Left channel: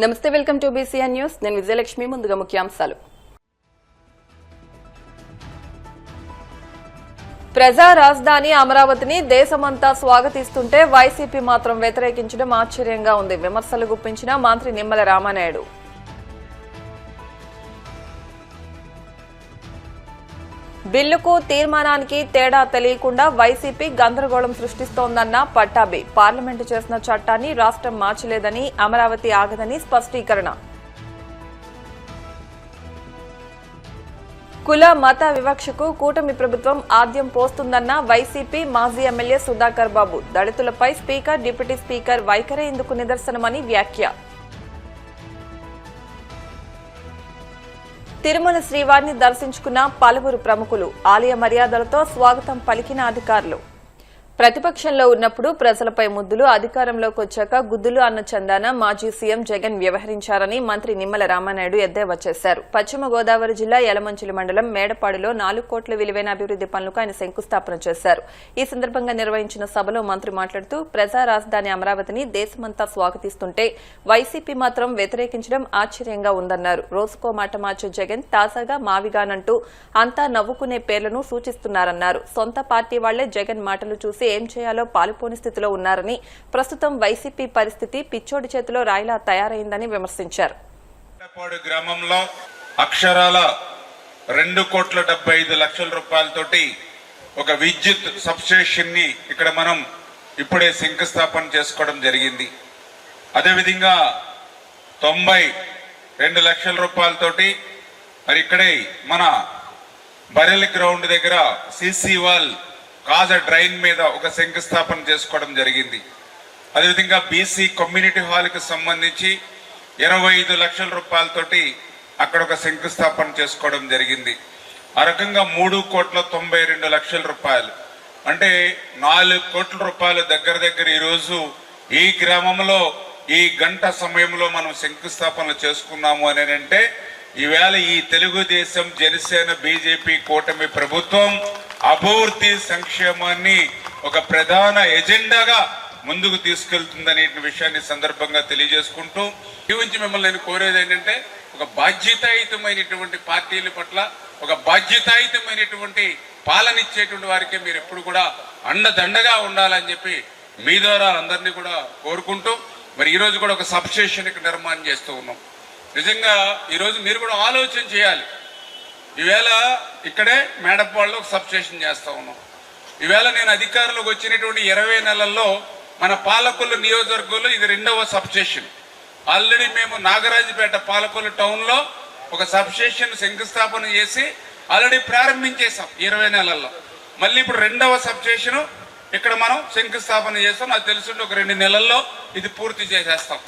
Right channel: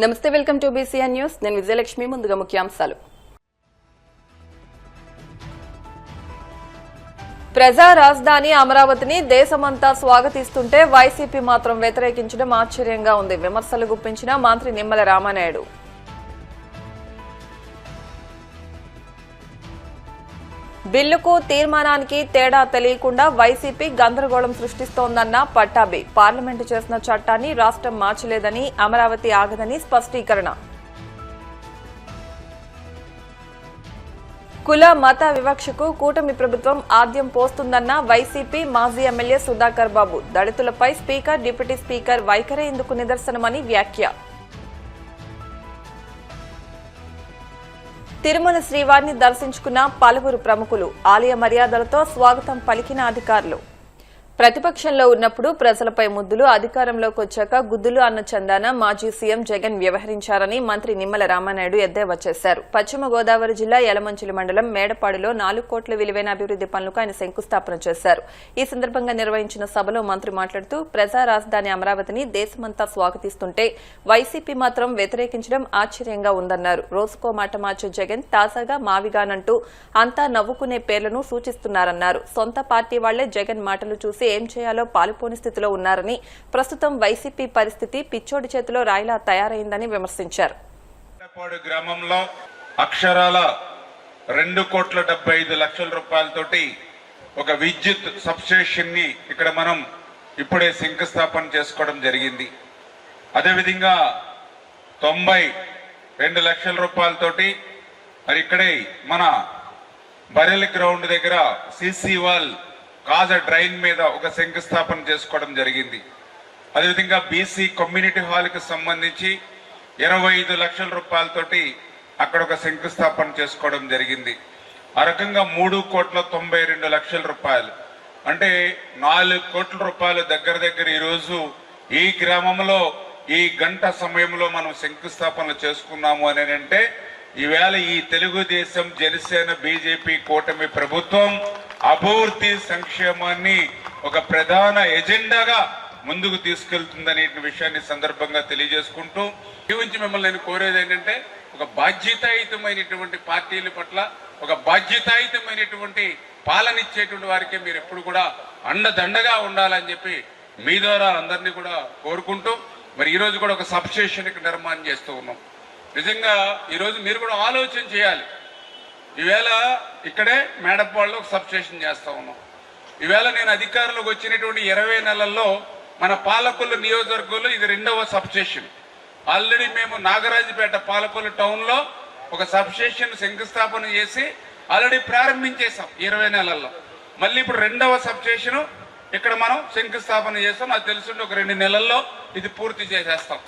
నమస్తే, welcome to BCN news. నేను విజయలక్ష్మి. ముందుగా ముఖ్యాంశాలు. ప్రజా రాజధాని అమరావతిని దేశమంతా స్వాగతిస్తుంటే వైసీపీ మాత్రం వ్యతిరేకించడం ఆశ్చర్యంగా ఉంది. విమర్శలు గుప్పించిన మంత్రి నిమ్మల రామానాయుడు. బిల్లుకు తీర్మానానికి తేడా తెలియకుండా వైసీపీ గందరగోళం సృష్టిస్తోందన్న పట్టాభి. పార్లమెంటు చేసిన చట్టాన్ని రాష్ట్రం మార్చలేదని, అమరావతి ఆగదని స్పష్టీకరణ. కుల మత వివక్షకు కూటమి ప్రభుత్వం ఆద్యం పోస్తుందన్న వైసీపీ మాజీ ఎమ్మెల్యే సుధాకర్ బాబు. దళితులపై స్పీకర్, డిప్యూటీ స్పీకర్ వైఖరే ఇందుకు నిదర్శనమని వ్యాఖ్య. తిరుమల శ్రీవారిని దర్శించుకున్న పలువురు ప్రముఖులు. ఆలయ మర్యాదలతో స్వాగతం పలికిన అధికారులు. ప్రతిపక్షంలో ఉన్నప్పుడు ప్రజలపై ముద్దులు, అధికారంలోకి వచ్చాక గుద్దులు అన్న చందాన మాజీ సీఎం జగన్ వ్యవహరించారని మంత్రి నిమ్మల రామానాయుడు ఎద్దేవా చేశారు. పశ్చిమ గోదావరి జిల్లా యలమంచిలి మండలం మేడపాడులో 4 కోట్ల విలువైన అభివృద్ది పనులకు ఆయన శంకుస్థాపన చేశారు. ఈ సందర్భంగా నిర్వహించిన సభలో మంత్రి మాట్లాడుతూ ప్రజా రాజధాని అమరావతిని దేశమంతా స్వాగతిస్తుంటే వైసీపీ మాత్రం వ్యతిరేకించడం ఆశ్చర్యంగా ఉందన్నారు. రోజుకో మాట మార్చే జగన్ తాజాగా మావిగానంటూ అంతా నవ్వుకునే పేర్లను సూచిస్తున్నారన్నారు. సొంత పార్టీ వాళ్లే జగన్ మాటలు చూసి ఏం చేయాలో పాలుపోని స్థితిలో ఉన్నారని, ప్రస్తుతం వైసీపీ పరిస్థితి పిచ్చోడి చేతిలో రాయిలా తయారైందని విమర్శించారు. గ్రామంలో అక్షరాల 2,75,00,000 రూపాయలతోటి ఒక విద్యుత్ సబ్స్టేషన్ ని ఇక్కడ మనం ఇప్పుడే శంకుస్థాపన చేసుకోవడం జరిగింది. అదేవిధంగా 92 లక్షల రూపాయలతోటి మరి ఇక్కడే మన బరెల్ గ్రౌండ్ దగ్గర సిసి వాల్ కాజ డ్రైన్ మీద ఒక శంకుస్థాపన చేసుకోవడం జరిగింది. అదేవిధంగా బీసీ కమ్యూనిటీ హాల్ కి సంబంధించి 25 లక్షల రూపాయలతోటి అక్కడ ఒక శంకుస్థాపన చేసుకోవడం జరిగింది. ఆ రకంగా 3,92,00,000 రూపాయలు అంటే 4 కోట్ల రూపాయలు దగ్గర ఈరోజు ఈ గ్రామంలో ఈ గంట సమయంలో మనం శంకుస్థాపన చేసుకున్నాము అని అంటే ఈవేళ ఈ తెలుగుదేశం, జనసేన, బీజేపీ కూటమి ప్రభుత్వం అభివృద్ధి సంక్షేమాన్ని ఒక ప్రధాన ఎజెండాగా ముందుకు తీసుకెళ్తుందనే విషయాన్ని సందర్భంగా తెలియజేసుకుంటూ నుంచి మిమ్మల్ని నేను కోరేది ఏంటంటే ఒక బాధ్యతాయుతమైనటువంటి పార్టీల పట్ల ఒక బాధ్యతాయుతమైనటువంటి పాలన ఇచ్చేటువంటి వారికి మీరు ఎప్పుడు కూడా అండదండగా ఉండాలని చెప్పి మీ ద్వారా అందరినీ కూడా కోరుకుంటూ మరి ఈ రోజు కూడా ఒక సబ్స్టేషన్ నిర్మాణం చేస్తూ ఉన్నాం. నిజంగా ఈరోజు మీరు కూడా ఆలోచన చేయాలి. ఈవేళ ఇక్కడే మేడపాడులో ఒక సబ్స్టేషన్ చేస్తా ఉన్నాం. ఈవేళ నేను అధికారంలోకి వచ్చినటువంటి 20 నెలల్లో మన పాలకొల్లు నియోజకవర్గంలో ఇది 2వ సబ్స్టేషన్. ఆల్రెడీ మేము నాగరాజుపేట పాలకొల్లు టౌన్ లో ఒక సబ్స్టేషన్ శంకుస్థాపన చేసి ఆల్రెడీ ప్రారంభించేసాం 20 నెలల్లో. మళ్ళీ ఇప్పుడు 2వ సబ్స్టేషన్ ఇక్కడ మనం శంకుస్థాపన చేస్తాం. నాకు తెలుసుంటే ఒక 2 నెలల్లో ఇది పూర్తి చేసేస్తాం.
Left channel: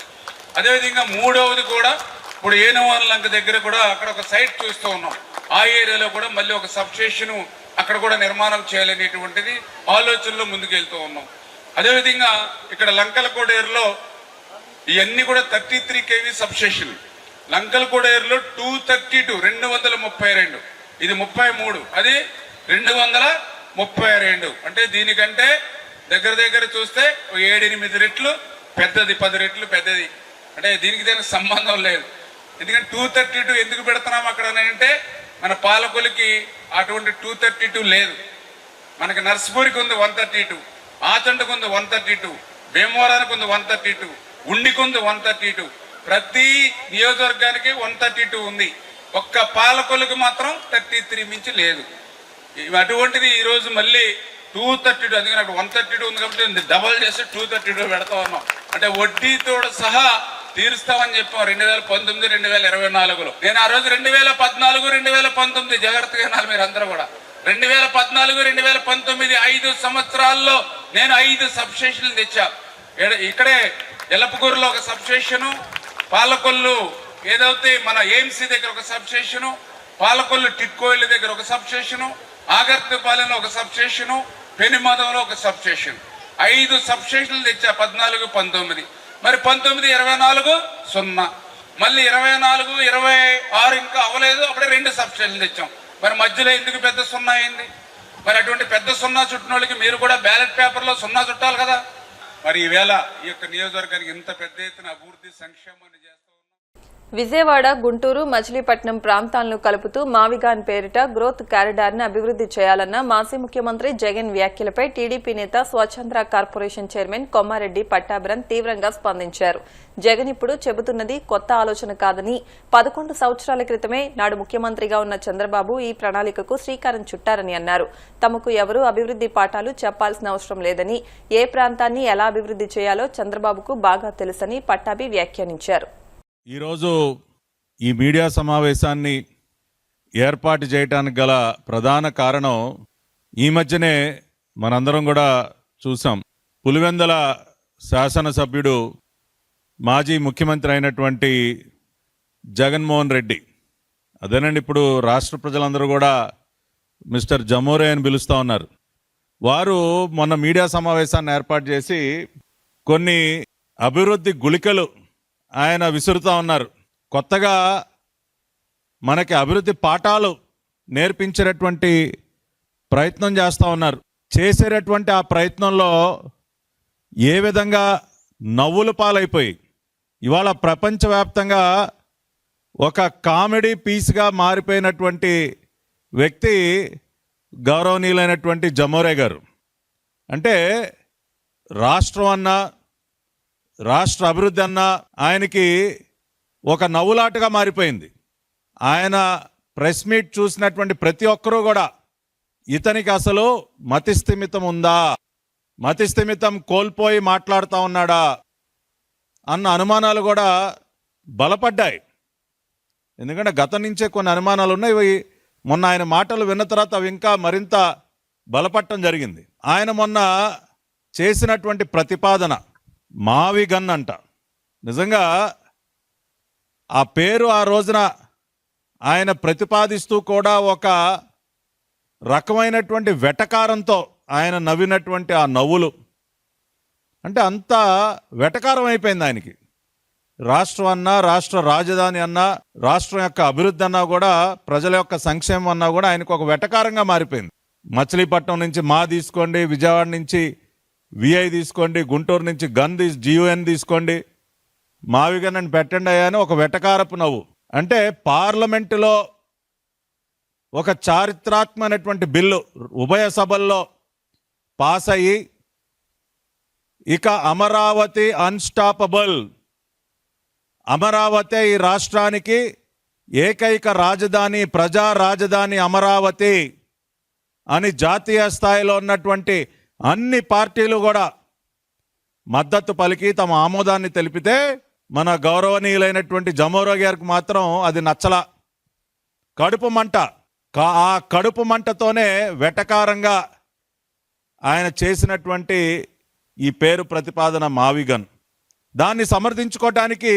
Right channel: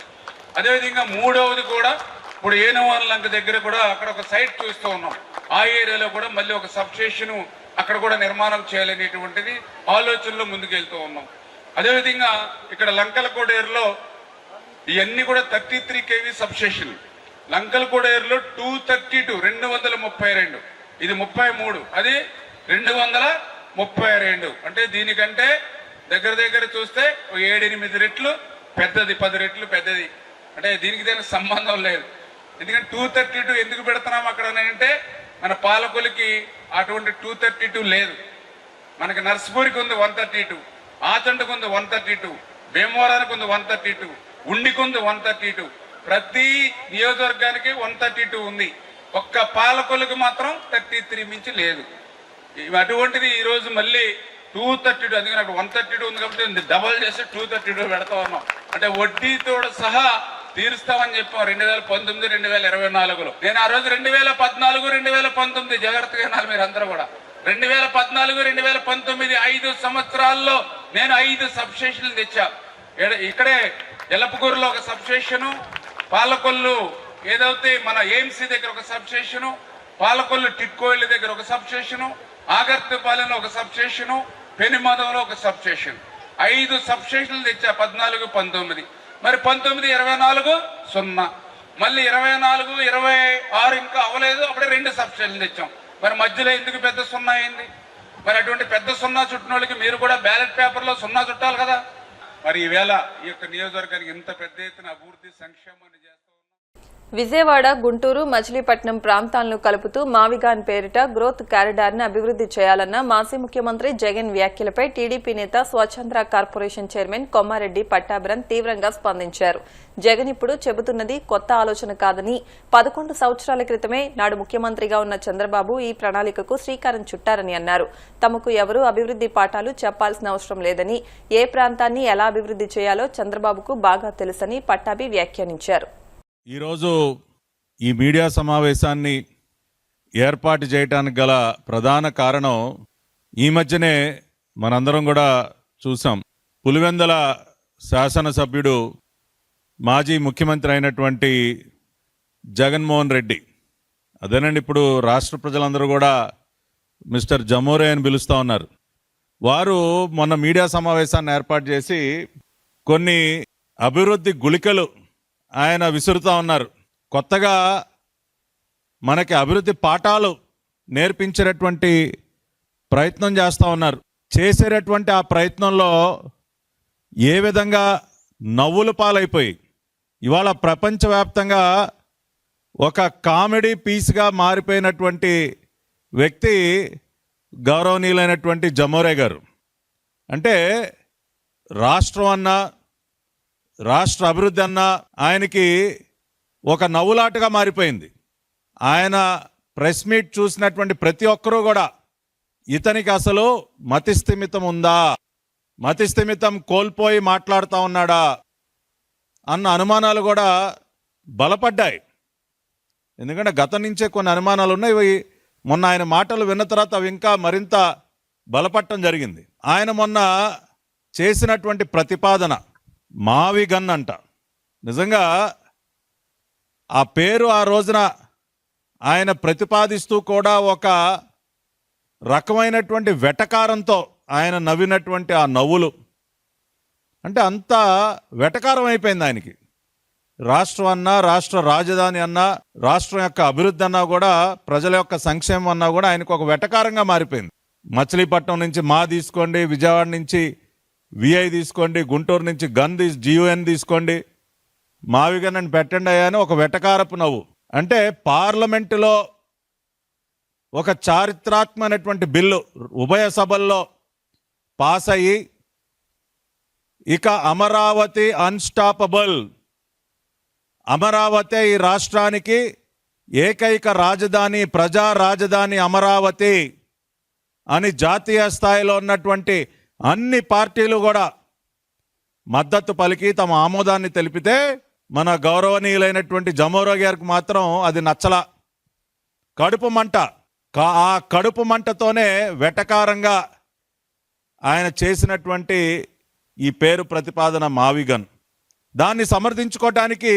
అదేవిధంగా 3వది కూడా ఇప్పుడు ఏనవాళ్ళ లంక దగ్గర కూడా అక్కడ ఒక సైట్ చూస్తూ ఉన్నాం. ఆ ఏరియాలో కూడా మళ్ళీ ఒక సబ్స్టేషన్ అక్కడ కూడా నిర్మాణం చేయాలనేటువంటిది ఆలోచనలో ముందుకెళ్తూ ఉన్నాం. అదేవిధంగా ఇక్కడ లంకలకోడేరులో ఇవన్నీ కూడా 33 kV సబ్స్టేషన్. లంకలకోడేరులో 232 232 ఇది 33, అది 232 అంటే దీనికంటే దగ్గర చూస్తే 7-8 రెట్లు పెద్దది, 10 రెట్లు పెద్దది. అంటే దీనికి సంబంధం లేదు. ఎందుకంటే 232 ఎందుకు పెడుతున్నాం అక్కడ అంటే మన పాలకొలికి అటువంటి 232 లేదు. మనకి నర్సిపూరికి ఉంది 132, ఆచంటకు ఉంది 132, భీమవరానికి ఉంది 132, ఉండికి ఉంది 132. ప్రతి నియోజకవర్గానికి 132 ఉంది. ఒక్క పాలకొలికి మాత్రం 33 మించి లేదు. అటువంటిది ఈ రోజు మళ్ళీ 232, అందుకని అప్పుడు 132 ఉంది కాబట్టి డబల్ చేసి 232 పెడతా ఉన్నాం. అంటే వడ్డీతో సహా తీరుస్తామని చెప్పాం 2019, 2024లో. నేను ఆ రోజు 2014, 2019 జాగ్రత్తగా వినాలి మీరు అందరూ కూడా. 2014, 2019 5 సంవత్సరాల్లో నేను 5 సబ్స్టేషన్లు తెచ్చా. ఇక్కడే ఎలపకూరులో ఒక సబ్స్టేషను, పాలకొల్లు ఏదైతే మన ఏఎంసీ దగ్గర ఒక సబ్స్టేషను, పాలకొల్లు టిట్కోయిల దగ్గర ఒక సబ్స్టేషను, ఆగర్తిపాలెంలో ఒక సబ్స్టేషను, పెనుమదంలో ఒక సబ్స్టేషన్. 5 సబ్స్టేషన్లు తెచ్చా 14, 19. మరి 19, 24 0, మళ్ళీ 24, 26 ఇంకా అవ్వలేదు. అప్పుడే 2 సబ్స్టేషన్లు తెచ్చాం. మరి మధ్యలో ఎందుకు పెద్ద 0 అయింది? మరి అటువంటి పెద్ద 0 చుట్టిన వాళ్ళకి మీరు కూడా బ్యాలెట్ పేపర్ లో 0 చుట్టాలి కదా. మరి ఈవేళ ఈ యొక్క నియోజకవర్గానికి ఇంత పెద్ద ఎత్తున అభివృద్ధి సంక్షేమాన్ని చేస్తాం. విజయవాడ, గుంటూరు, మచిలీపట్నం ప్రాంతాలను కలుపుతూ మావిగాన్ పేరిట గ్రోత్ కారిడార్ను అభివృద్ది చేయాలన్న మాజీ ముఖ్యమంత్రి జగన్ వ్యాఖ్యలపై టీడీపీ నేత స్వచ్ఛంద్ర కార్పొరేషన్ చైర్మన్ కొమ్మారెడ్డి పట్టాభిరామ్ తీవ్రంగా స్పందించారు. జగన్ ఇప్పుడు చెబుతున్నది కొత్త ఆలోచన కాదని 11 సంవత్సరాల క్రితమే నాడు ముఖ్యమంత్రిగా ఉన్న చంద్రబాబు ఈ ప్రణాళికకు శ్రీకారం చుట్టారని అన్నారు. తమకు ఎవరూ అభివృద్ది పాఠాలు చెప్పాల్సిన అవసరం లేదని, ఏ ప్రాంతాన్ని ఎలా అభివృద్ది చేయాలో చంద్రబాబుకు బాగా తెలుసని పట్టాభి వ్యాఖ్యానించారు. ఈరోజు ఈ మీడియా సమావేశాన్ని ఏర్పాటు చేయడానికి గల ప్రధాన కారణం ఈ మధ్యనే మనందరం కూడా చూసాం. పులివెందుల శాసనసభ్యుడు మాజీ ముఖ్యమంత్రి అయినటువంటి జగన్మోహన్ రెడ్డి, అదేనండి ఇప్పుడు రాష్ట్ర ప్రజలందరూ కూడా మిస్టర్ జమోరే అని పిలుస్తూ ఉన్నారు. వారు మొన్న మీడియా సమావేశాన్ని ఏర్పాటు చేసి కొన్ని అభివృద్ధి గుళికలు ఆయన విసురుతూ ఉన్నారు. కొత్తగా మనకి అభివృద్ధి పాఠాలు నేర్పించేటటువంటి ప్రయత్నం చేస్తూ ఉన్నారు. చేసేటటువంటి ఆ ప్రయత్నంలో ఏ విధంగా నవ్వుల పాలైపోయి ఇవాళ ప్రపంచవ్యాప్తంగా ఒక కామెడీ పీస్గా మారిపోయినటువంటి వ్యక్తి గౌరవనీయులైనటువంటి జమోరే గారు. అంటే రాష్ట్రం అన్నా, రాష్ట్ర అభివృద్ధి అన్నా ఆయనకి ఒక నవ్వులాటగా మారిపోయింది. ఆయన ప్రెస్ మీట్ చూసినటువంటి ప్రతి ఒక్కరూ కూడా ఇతనికి అసలు మతిస్థిమితం ఉందా, మతిస్థిమితం కోల్పోయి మాట్లాడుతూ ఉన్నాడా అన్న అనుమానాలు కూడా బలపడ్డాయి. ఎందుకంటే గతం నుంచే కొన్ని అనుమానాలు ఉన్నాయి. ఇవి మొన్న ఆయన మాటలు విన్న తర్వాత అవి ఇంకా మరింత బలపడటం జరిగింది. ఆయన మొన్న చేసినటువంటి ప్రతిపాదన మావిగన్ అంట. నిజంగా ఆ పేరు ఆ రోజున ఆయన ప్రతిపాదిస్తూ కూడా ఒక రకమైనటువంటి వెటకారంతో ఆయన నవ్వినటువంటి ఆ నవ్వులు అంటే అంత వెటకారం అయిపోయింది ఆయనకి. రాష్ట్రం అన్నా, రాష్ట్ర రాజధాని అన్నా, రాష్ట్రం యొక్క అభివృద్ధి అన్నా కూడా, ప్రజల యొక్క సంక్షేమం అన్నా కూడా ఆయనకు ఒక వెటకారంగా మారిపోయింది. మచిలీపట్నం నుంచి మా తీసుకోండి, విజయవాడ నుంచి విఐ తీసుకోండి, గుంటూరు నుంచి GUN తీసుకోండి, మావిగన్ అని పెట్టండి అయ్యాని ఒక వెటకారపు నవ్వు. అంటే పార్లమెంటులో ఒక చారిత్రాత్మకమైనటువంటి బిల్లు ఉభయ సభల్లో పాస్ అయ్యి ఇక అమరావతి అన్స్టాపబుల్, అమరావతి ఈ రాష్ట్రానికి ఏకైక రాజధాని, ప్రజా రాజధాని అమరావతి అని జాతీయ స్థాయిలో ఉన్నటువంటి అన్ని పార్టీలు కూడా మద్దతు పలికి తమ ఆమోదాన్ని తెలిపితే మన గౌరవనీయులైనటువంటి జమోరే గారికి మాత్రం అది నచ్చల. కడుపు మంట. ఆ కడుపు మంటతోనే వెటకారంగా ఆయన చేసినటువంటి ఈ పేరు ప్రతిపాదన మావిగన్. దాన్ని సమర్థించుకోవటానికి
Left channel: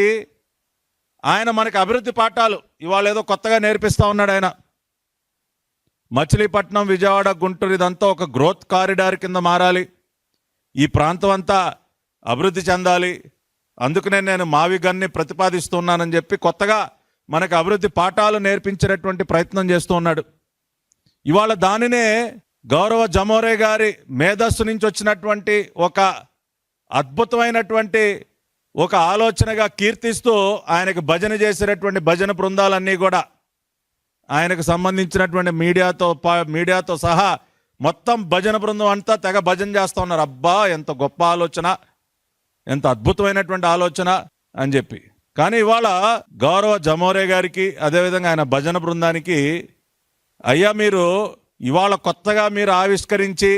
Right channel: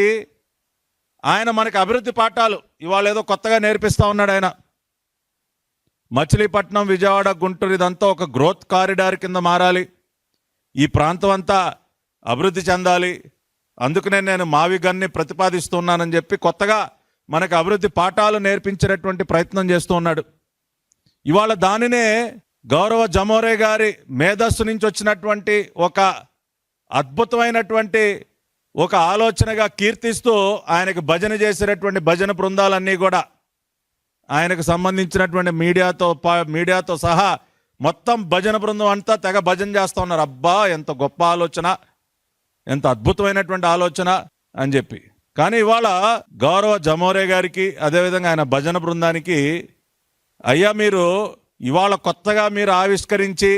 ఆయన మనకి అభివృద్ధి పాఠాలు ఇవాళ ఏదో కొత్తగా నేర్పిస్తూ ఉన్నాడు. ఆయన మచిలీపట్నం, విజయవాడ, గుంటూరు ఇదంతా ఒక గ్రోత్ కారిడార్ కింద మారాలి, ఈ ప్రాంతం అంతా అభివృద్ధి చెందాలి, అందుకనే నేను మావిగన్ని ప్రతిపాదిస్తున్నానని చెప్పి కొత్తగా మనకు అభివృద్ధి పాఠాలు నేర్పించేటటువంటి ప్రయత్నం చేస్తూ ఉన్నాడు. ఇవాళ దానినే గౌరవ జమోరే గారి మేధస్సు నుంచి వచ్చినటువంటి ఒక అద్భుతమైనటువంటి ఒక ఆలోచనగా కీర్తిస్తూ ఆయనకు భజన చేసేటటువంటి భజన బృందాలన్నీ కూడా ఆయనకు సంబంధించినటువంటి మీడియాతో సహా మొత్తం భజన బృందం అంతా తెగ భజన చేస్తూ ఉన్నారు. అబ్బా ఎంత గొప్ప ఆలోచన, ఎంత అద్భుతమైనటువంటి ఆలోచన అని చెప్పి. కానీ ఇవాళ గౌరవ జమోరే గారికి అదేవిధంగా ఆయన భజన బృందానికి, అయ్యా మీరు ఇవాళ కొత్తగా మీరు ఆవిష్కరించి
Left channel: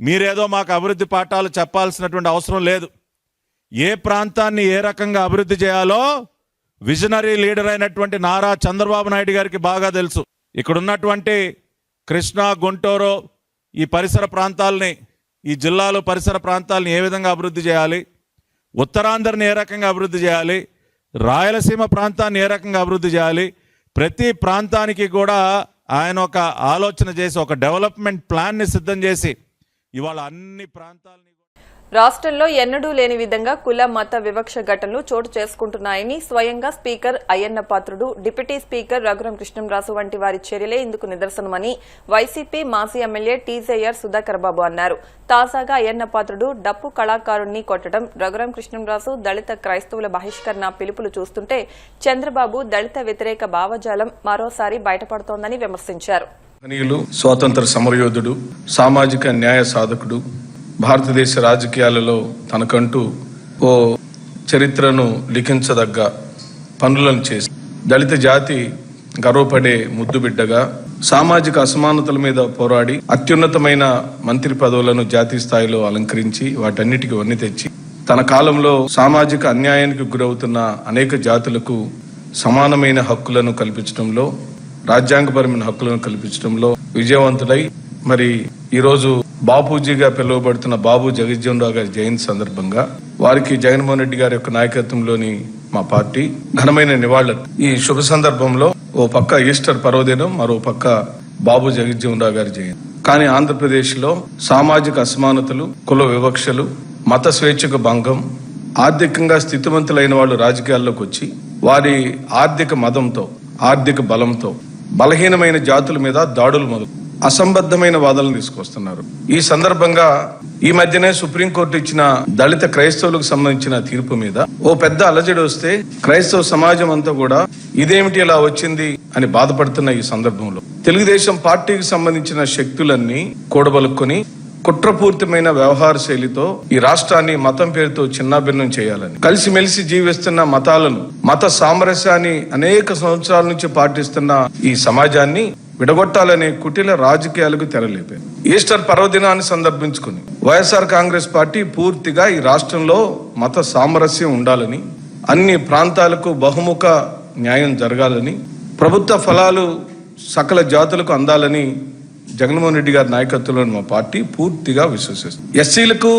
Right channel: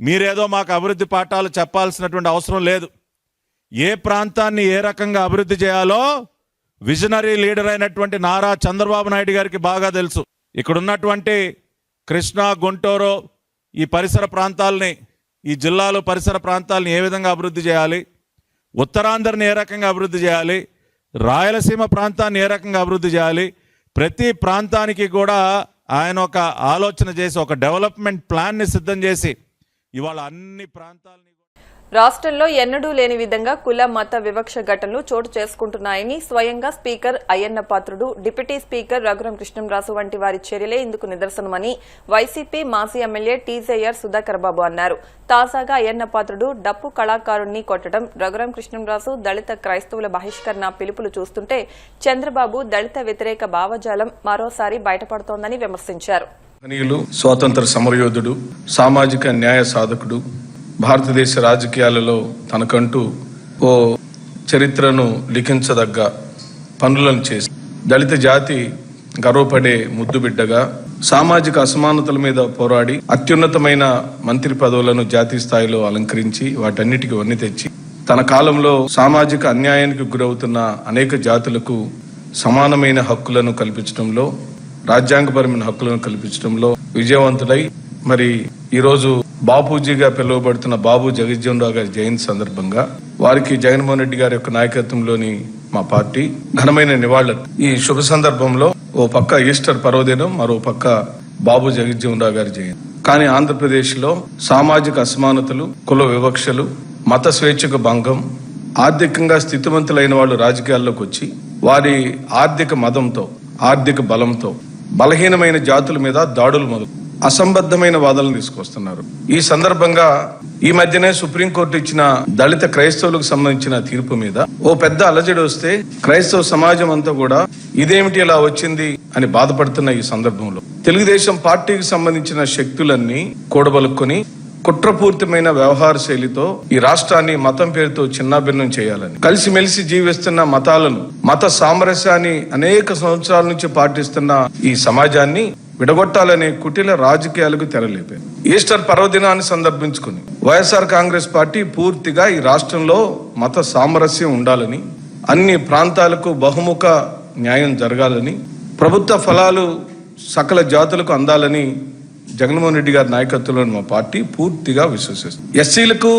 మీరేదో మాకు అభివృద్ధి పాఠాలు చెప్పాల్సినటువంటి అవసరం లేదు. ఏ ప్రాంతాన్ని ఏ రకంగా అభివృద్ధి చేయాలో విజనరీ లీడర్ అయినటువంటి నారా చంద్రబాబు నాయుడు గారికి బాగా తెలుసు. ఇక్కడ ఉన్నటువంటి కృష్ణా, గుంటూరు ఈ పరిసర ప్రాంతాలని, ఈ జిల్లాలు పరిసర ప్రాంతాలని ఏ విధంగా అభివృద్ధి చేయాలి, ఉత్తరాంధ్రని ఏ రకంగా అభివృద్ధి చేయాలి, రాయలసీమ ప్రాంతాన్ని ఏ రకంగా అభివృద్ధి చేయాలి, ప్రతి ప్రాంతానికి కూడా ఆయన ఒక ఆలోచన చేసి ఒక డెవలప్మెంట్ ప్లాన్ని సిద్ధం చేసి ఇవాళ అన్ని ప్రాంతాలని రాష్ట్రంలో ఎన్నడూ లేని విధంగా కుల మత వివక్ష ఘటనలు చోటు చేసుకుంటున్నాయని స్వయంగా speaker Ayyanna Patrudu, deputy speaker Raghuram Krishnamraju వంటి వారి చర్యలే ఇందుకు నిదర్శనమని వైసీపీ మాజీ ఎమ్మెల్యే టీజేఆర్ సుధాకర్ బాబు అన్నారు. తాజాగా అయ్యన్న పాత్రుడు డప్పు కళాకారుణ్ణి కొట్టడం, రఘురాం కృష్ణంరాజు దళిత క్రైస్తవుల బహిష్కరణ పిలుపులు చూస్తుంటే చంద్రబాబు దళిత వ్యతిరేక భావజాలం మరోసారి బయటపడుతోందని విమర్శించారు. స్వాతంత్ర సమరయోధుడు, సామాజిక న్యాయ సాధకుడు, భారతదేశ రాజకీయాలలో తనకంటూ ఓ చరిత్రను లిఖించదగ్గ పనులను చేసి దళిత జాతి గర్వపడే ముద్దుబిడ్డగా సామాజిక అసమానతల మీద పోరాడి అత్యున్నతమైన మంత్రి పదవులను జాతీయ స్థాయిలో అలంకరించి వాటన్నిటికీ వన్నె తెచ్చి తన కాలంలో సామాజిక అన్యాయానికి గురవుతున్న అనేక జాతులకు సమానమైన హక్కులను కల్పించడంలో, రాజ్యాంగపరమైన హక్కులను కల్పించడంలో విజయవంతుడై మరి ఈరోజు బాపూజీగా పిలువబడుతున్న బాబు జగజ్జీవన్ రావు గారి జయంతి సందర్భంగా వారికి జగన్మోహన్ రెడ్డి గారి యొక్క నాయకత్వంలోని మా పార్టీ ఘనమైన నివాళులు. ఈ శుభ సందర్భంలో ఓ పక్క ఈస్టర్ పర్వదినం, మరో పక్క బాబు జగజ్జీవన్ రావు గారి జయంతి. కానీ ఆంధ్రప్రదేశ్ లో సామాజిక అసమానతలు, కుల వివక్షలు, మత స్వేచ్ఛకు భంగం, ఆర్థికంగా స్థితివంతులైన వాళ్ళు రాజకీయాల్లోకి వచ్చి వారి ఆర్థిక మదంతో, ఆర్థిక బలంతో బలహీనమైన జాతుల మీద దాడులు మొదలు అసంబద్ధమైన వాదనలు తీసుకొస్తున్నారు. ఈ సందర్భంగా ఈ మధ్యనే సుప్రీంకోర్టు ఇచ్చిన దళిత క్రైస్తవులకు సంబంధించిన తీర్పు మీద ఓ పెద్ద అలజడి వస్తే క్రైస్తవ సమాజం అంతా కూడా ఇదేమిటి ఇలా వచ్చింది అని బాధపడుతున్న ఈ సందర్భంలో తెలుగుదేశం పార్టీకి సంబంధించిన శక్తులన్నీ కూడబలుక్కొని కుట్రపూర్తిమైన వ్యవహార శైలితో ఈ రాష్ట్రాన్ని మతం పేరుతో చిన్నాభిన్నం చేయాలని, కలిసిమెలిసి జీవిస్తున్న మతాలను, మత సామరస్యాన్ని అనేక సంవత్సరాల నుంచి పాటిస్తున్న ఈ సమాజాన్ని విడగొట్టాలనే కుటిల రాజకీయాలకు తెరలేపారు. ఈస్టర్ పర్వదినాన్ని సందర్భించుకుని వైఎస్ఆర్ కాంగ్రెస్ పార్టీ పూర్తిగా ఈ రాష్ట్రంలో మత సామరస్యం ఉండాలని, అన్ని ప్రాంతాలకు బహుముఖ న్యాయం జరగాలని, ప్రభుత్వ ఫలాలు సకల జాతులకు అందాలని జగన్మోహన్ రెడ్డి గారి నాయకత్వంలోని మా పార్టీ పూర్తిగా విశ్వసిస్తుంది. ఎస్సీలకు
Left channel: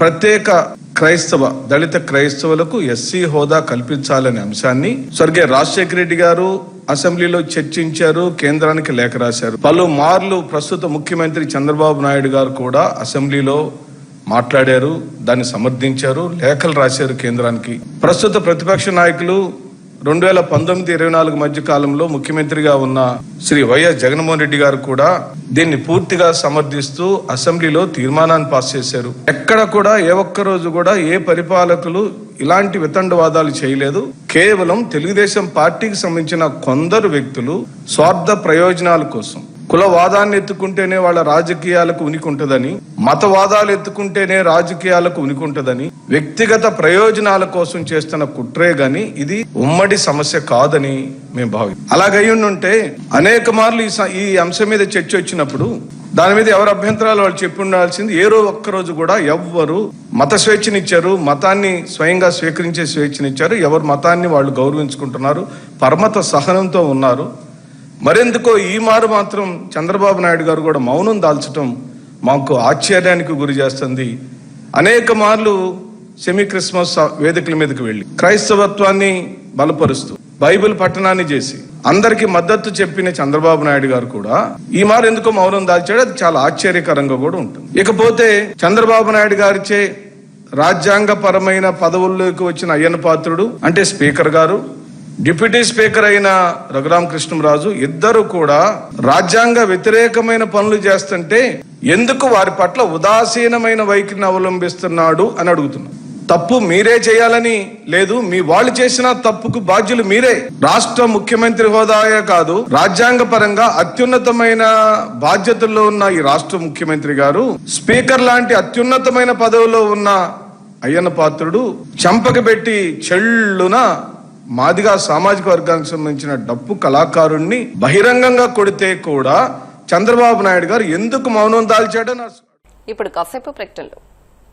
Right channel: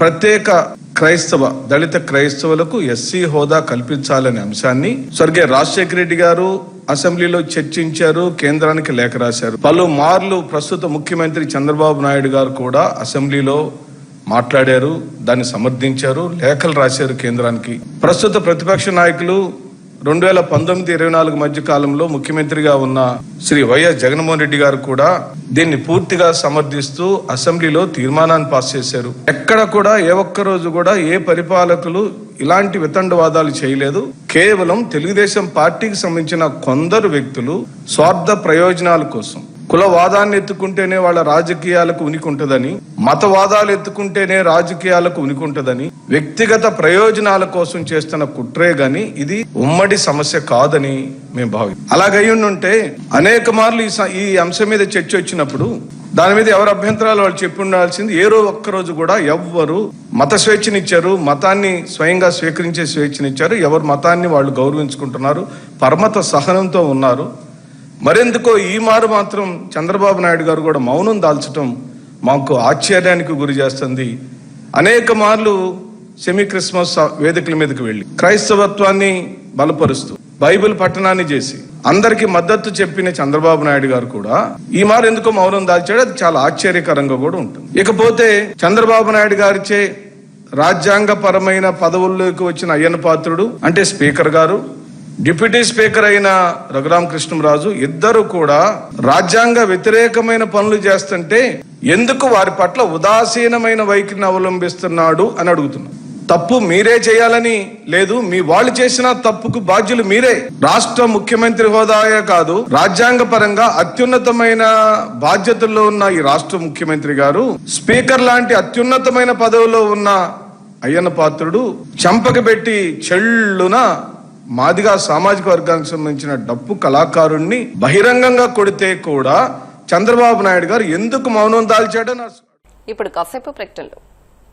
ప్రత్యేక క్రైస్తవ, దళిత క్రైస్తవులకు ఎస్సీ హోదా కల్పించాలనే అంశాన్ని స్వర్గీయ రాజశేఖర రెడ్డి గారు అసెంబ్లీలో చర్చించారు, కేంద్రానికి లేఖ రాశారు. పలుమార్లు ప్రస్తుత ముఖ్యమంత్రి చంద్రబాబు నాయుడు గారు కూడా అసెంబ్లీలో మాట్లాడారు, దాన్ని సమర్థించారు, లేఖలు రాశారు కేంద్రానికి. ప్రస్తుత ప్రతిపక్ష నాయకులు 2019-24 మధ్య కాలంలో ముఖ్యమంత్రిగా ఉన్న శ్రీ వైఎస్ జగన్మోహన్ రెడ్డి గారు కూడా దీన్ని పూర్తిగా సమర్థిస్తూ అసెంబ్లీలో తీర్మానాన్ని పాస్ చేశారు. ఎక్కడ కూడా ఏ ఒక్క రోజు కూడా ఏ పరిపాలకులు ఇలాంటి వితండవాదాలు చేయలేదు. కేవలం తెలుగుదేశం పార్టీకి సంబంధించిన కొందరు వ్యక్తులు స్వార్థ ప్రయోజనాల కోసం, కులవాదాన్ని ఎత్తుకుంటేనే వాళ్ళ రాజకీయాలకు ఉనికి ఉంటుందని, మతవాదాలు ఎత్తుకుంటేనే రాజకీయాలకు ఉనికి ఉంటుందని, వ్యక్తిగత ప్రయోజనాల కోసం చేస్తున్న కుట్రే గాని ఇది ఉమ్మడి సమస్య కాదని మేము భావిస్తాం. అలాగయ్యుంటే అనేక మార్లు ఈ అంశం మీద చర్చ వచ్చినప్పుడు దాని మీద ఎవరు అభ్యంతరాలు వాళ్ళు చెప్పి ఉండాల్సింది. ఏరో ఒక్కరోజు కూడా ఎవ్వరు మత స్వేచ్ఛనిచ్చారు, మతాన్ని స్వయంగా స్వీకరించే స్వేచ్ఛనిచ్చారు, ఎవరు మతాన్ని వాళ్ళు గౌరవించుకుంటున్నారు, పరమత సహనంతో ఉన్నారు. మరెందుకో ఈ మారు మాత్రం చంద్రబాబు నాయుడు గారు కూడా మౌనం దాల్చడం మాకు ఆశ్చర్యానికి గురి చేస్తుంది. అనేక మార్లు సెమీ క్రిస్మస్ వేదికల మీదకి వెళ్లి క్రైస్తవత్వాన్ని బలపరుస్తూ బైబిల్ పఠనాన్ని చేసి అందరికి మద్దతు చెప్పిన చంద్రబాబు నాయుడు గారు కూడా ఈ మారు ఎందుకో మౌనం దాల్చాడు. అది చాలా ఆశ్చర్యకరంగా కూడా ఉంటుంది. ఇకపోతే చంద్రబాబు నాయుడు గారిచే రాజ్యాంగపరమైన పదవుల్లోకి వచ్చిన అయ్యన్న పాత్రుడు అంటే స్పీకర్ గారు, డిప్యూటీ స్పీకర్ అయిన రఘురాం కృష్ణంరాజు ఇద్దరు కూడా రాజ్యాంగ వ్యతిరేకమైన పనులు చేస్తుంటే ఎందుకు వారి పట్ల ఉదాసీనమైన వైఖరిని అవలంబిస్తున్నాడు అని అడుగుతున్నారు. తప్పు మీరే చేయాలని లేదు, మీ వాళ్ళు చేసిన తప్పుకు బాధ్యులు మీరే. రాష్ట్ర ముఖ్యమంత్రి హోదాయే కాదు, రాజ్యాంగ పరంగా అత్యున్నతమైన బాధ్యతల్లో ఉన్న ఈ రాష్ట్ర ముఖ్యమంత్రి గారు స్పీకర్ లాంటి అత్యున్నతమైన పదవిలో ఉన్న అయ్యన్న పాత్రుడు చంపక పెట్టి చెళ్ళున మాదిగా సామాజిక వర్గానికి సంబంధించిన డప్పు కళాకారుణ్ణి బహిరంగంగా కొడితే కూడా చంద్రబాబు నాయుడు గారు ఎందుకు మౌనం దాల్చాడో ఇప్పుడు కాసేపు ప్రకటనలు.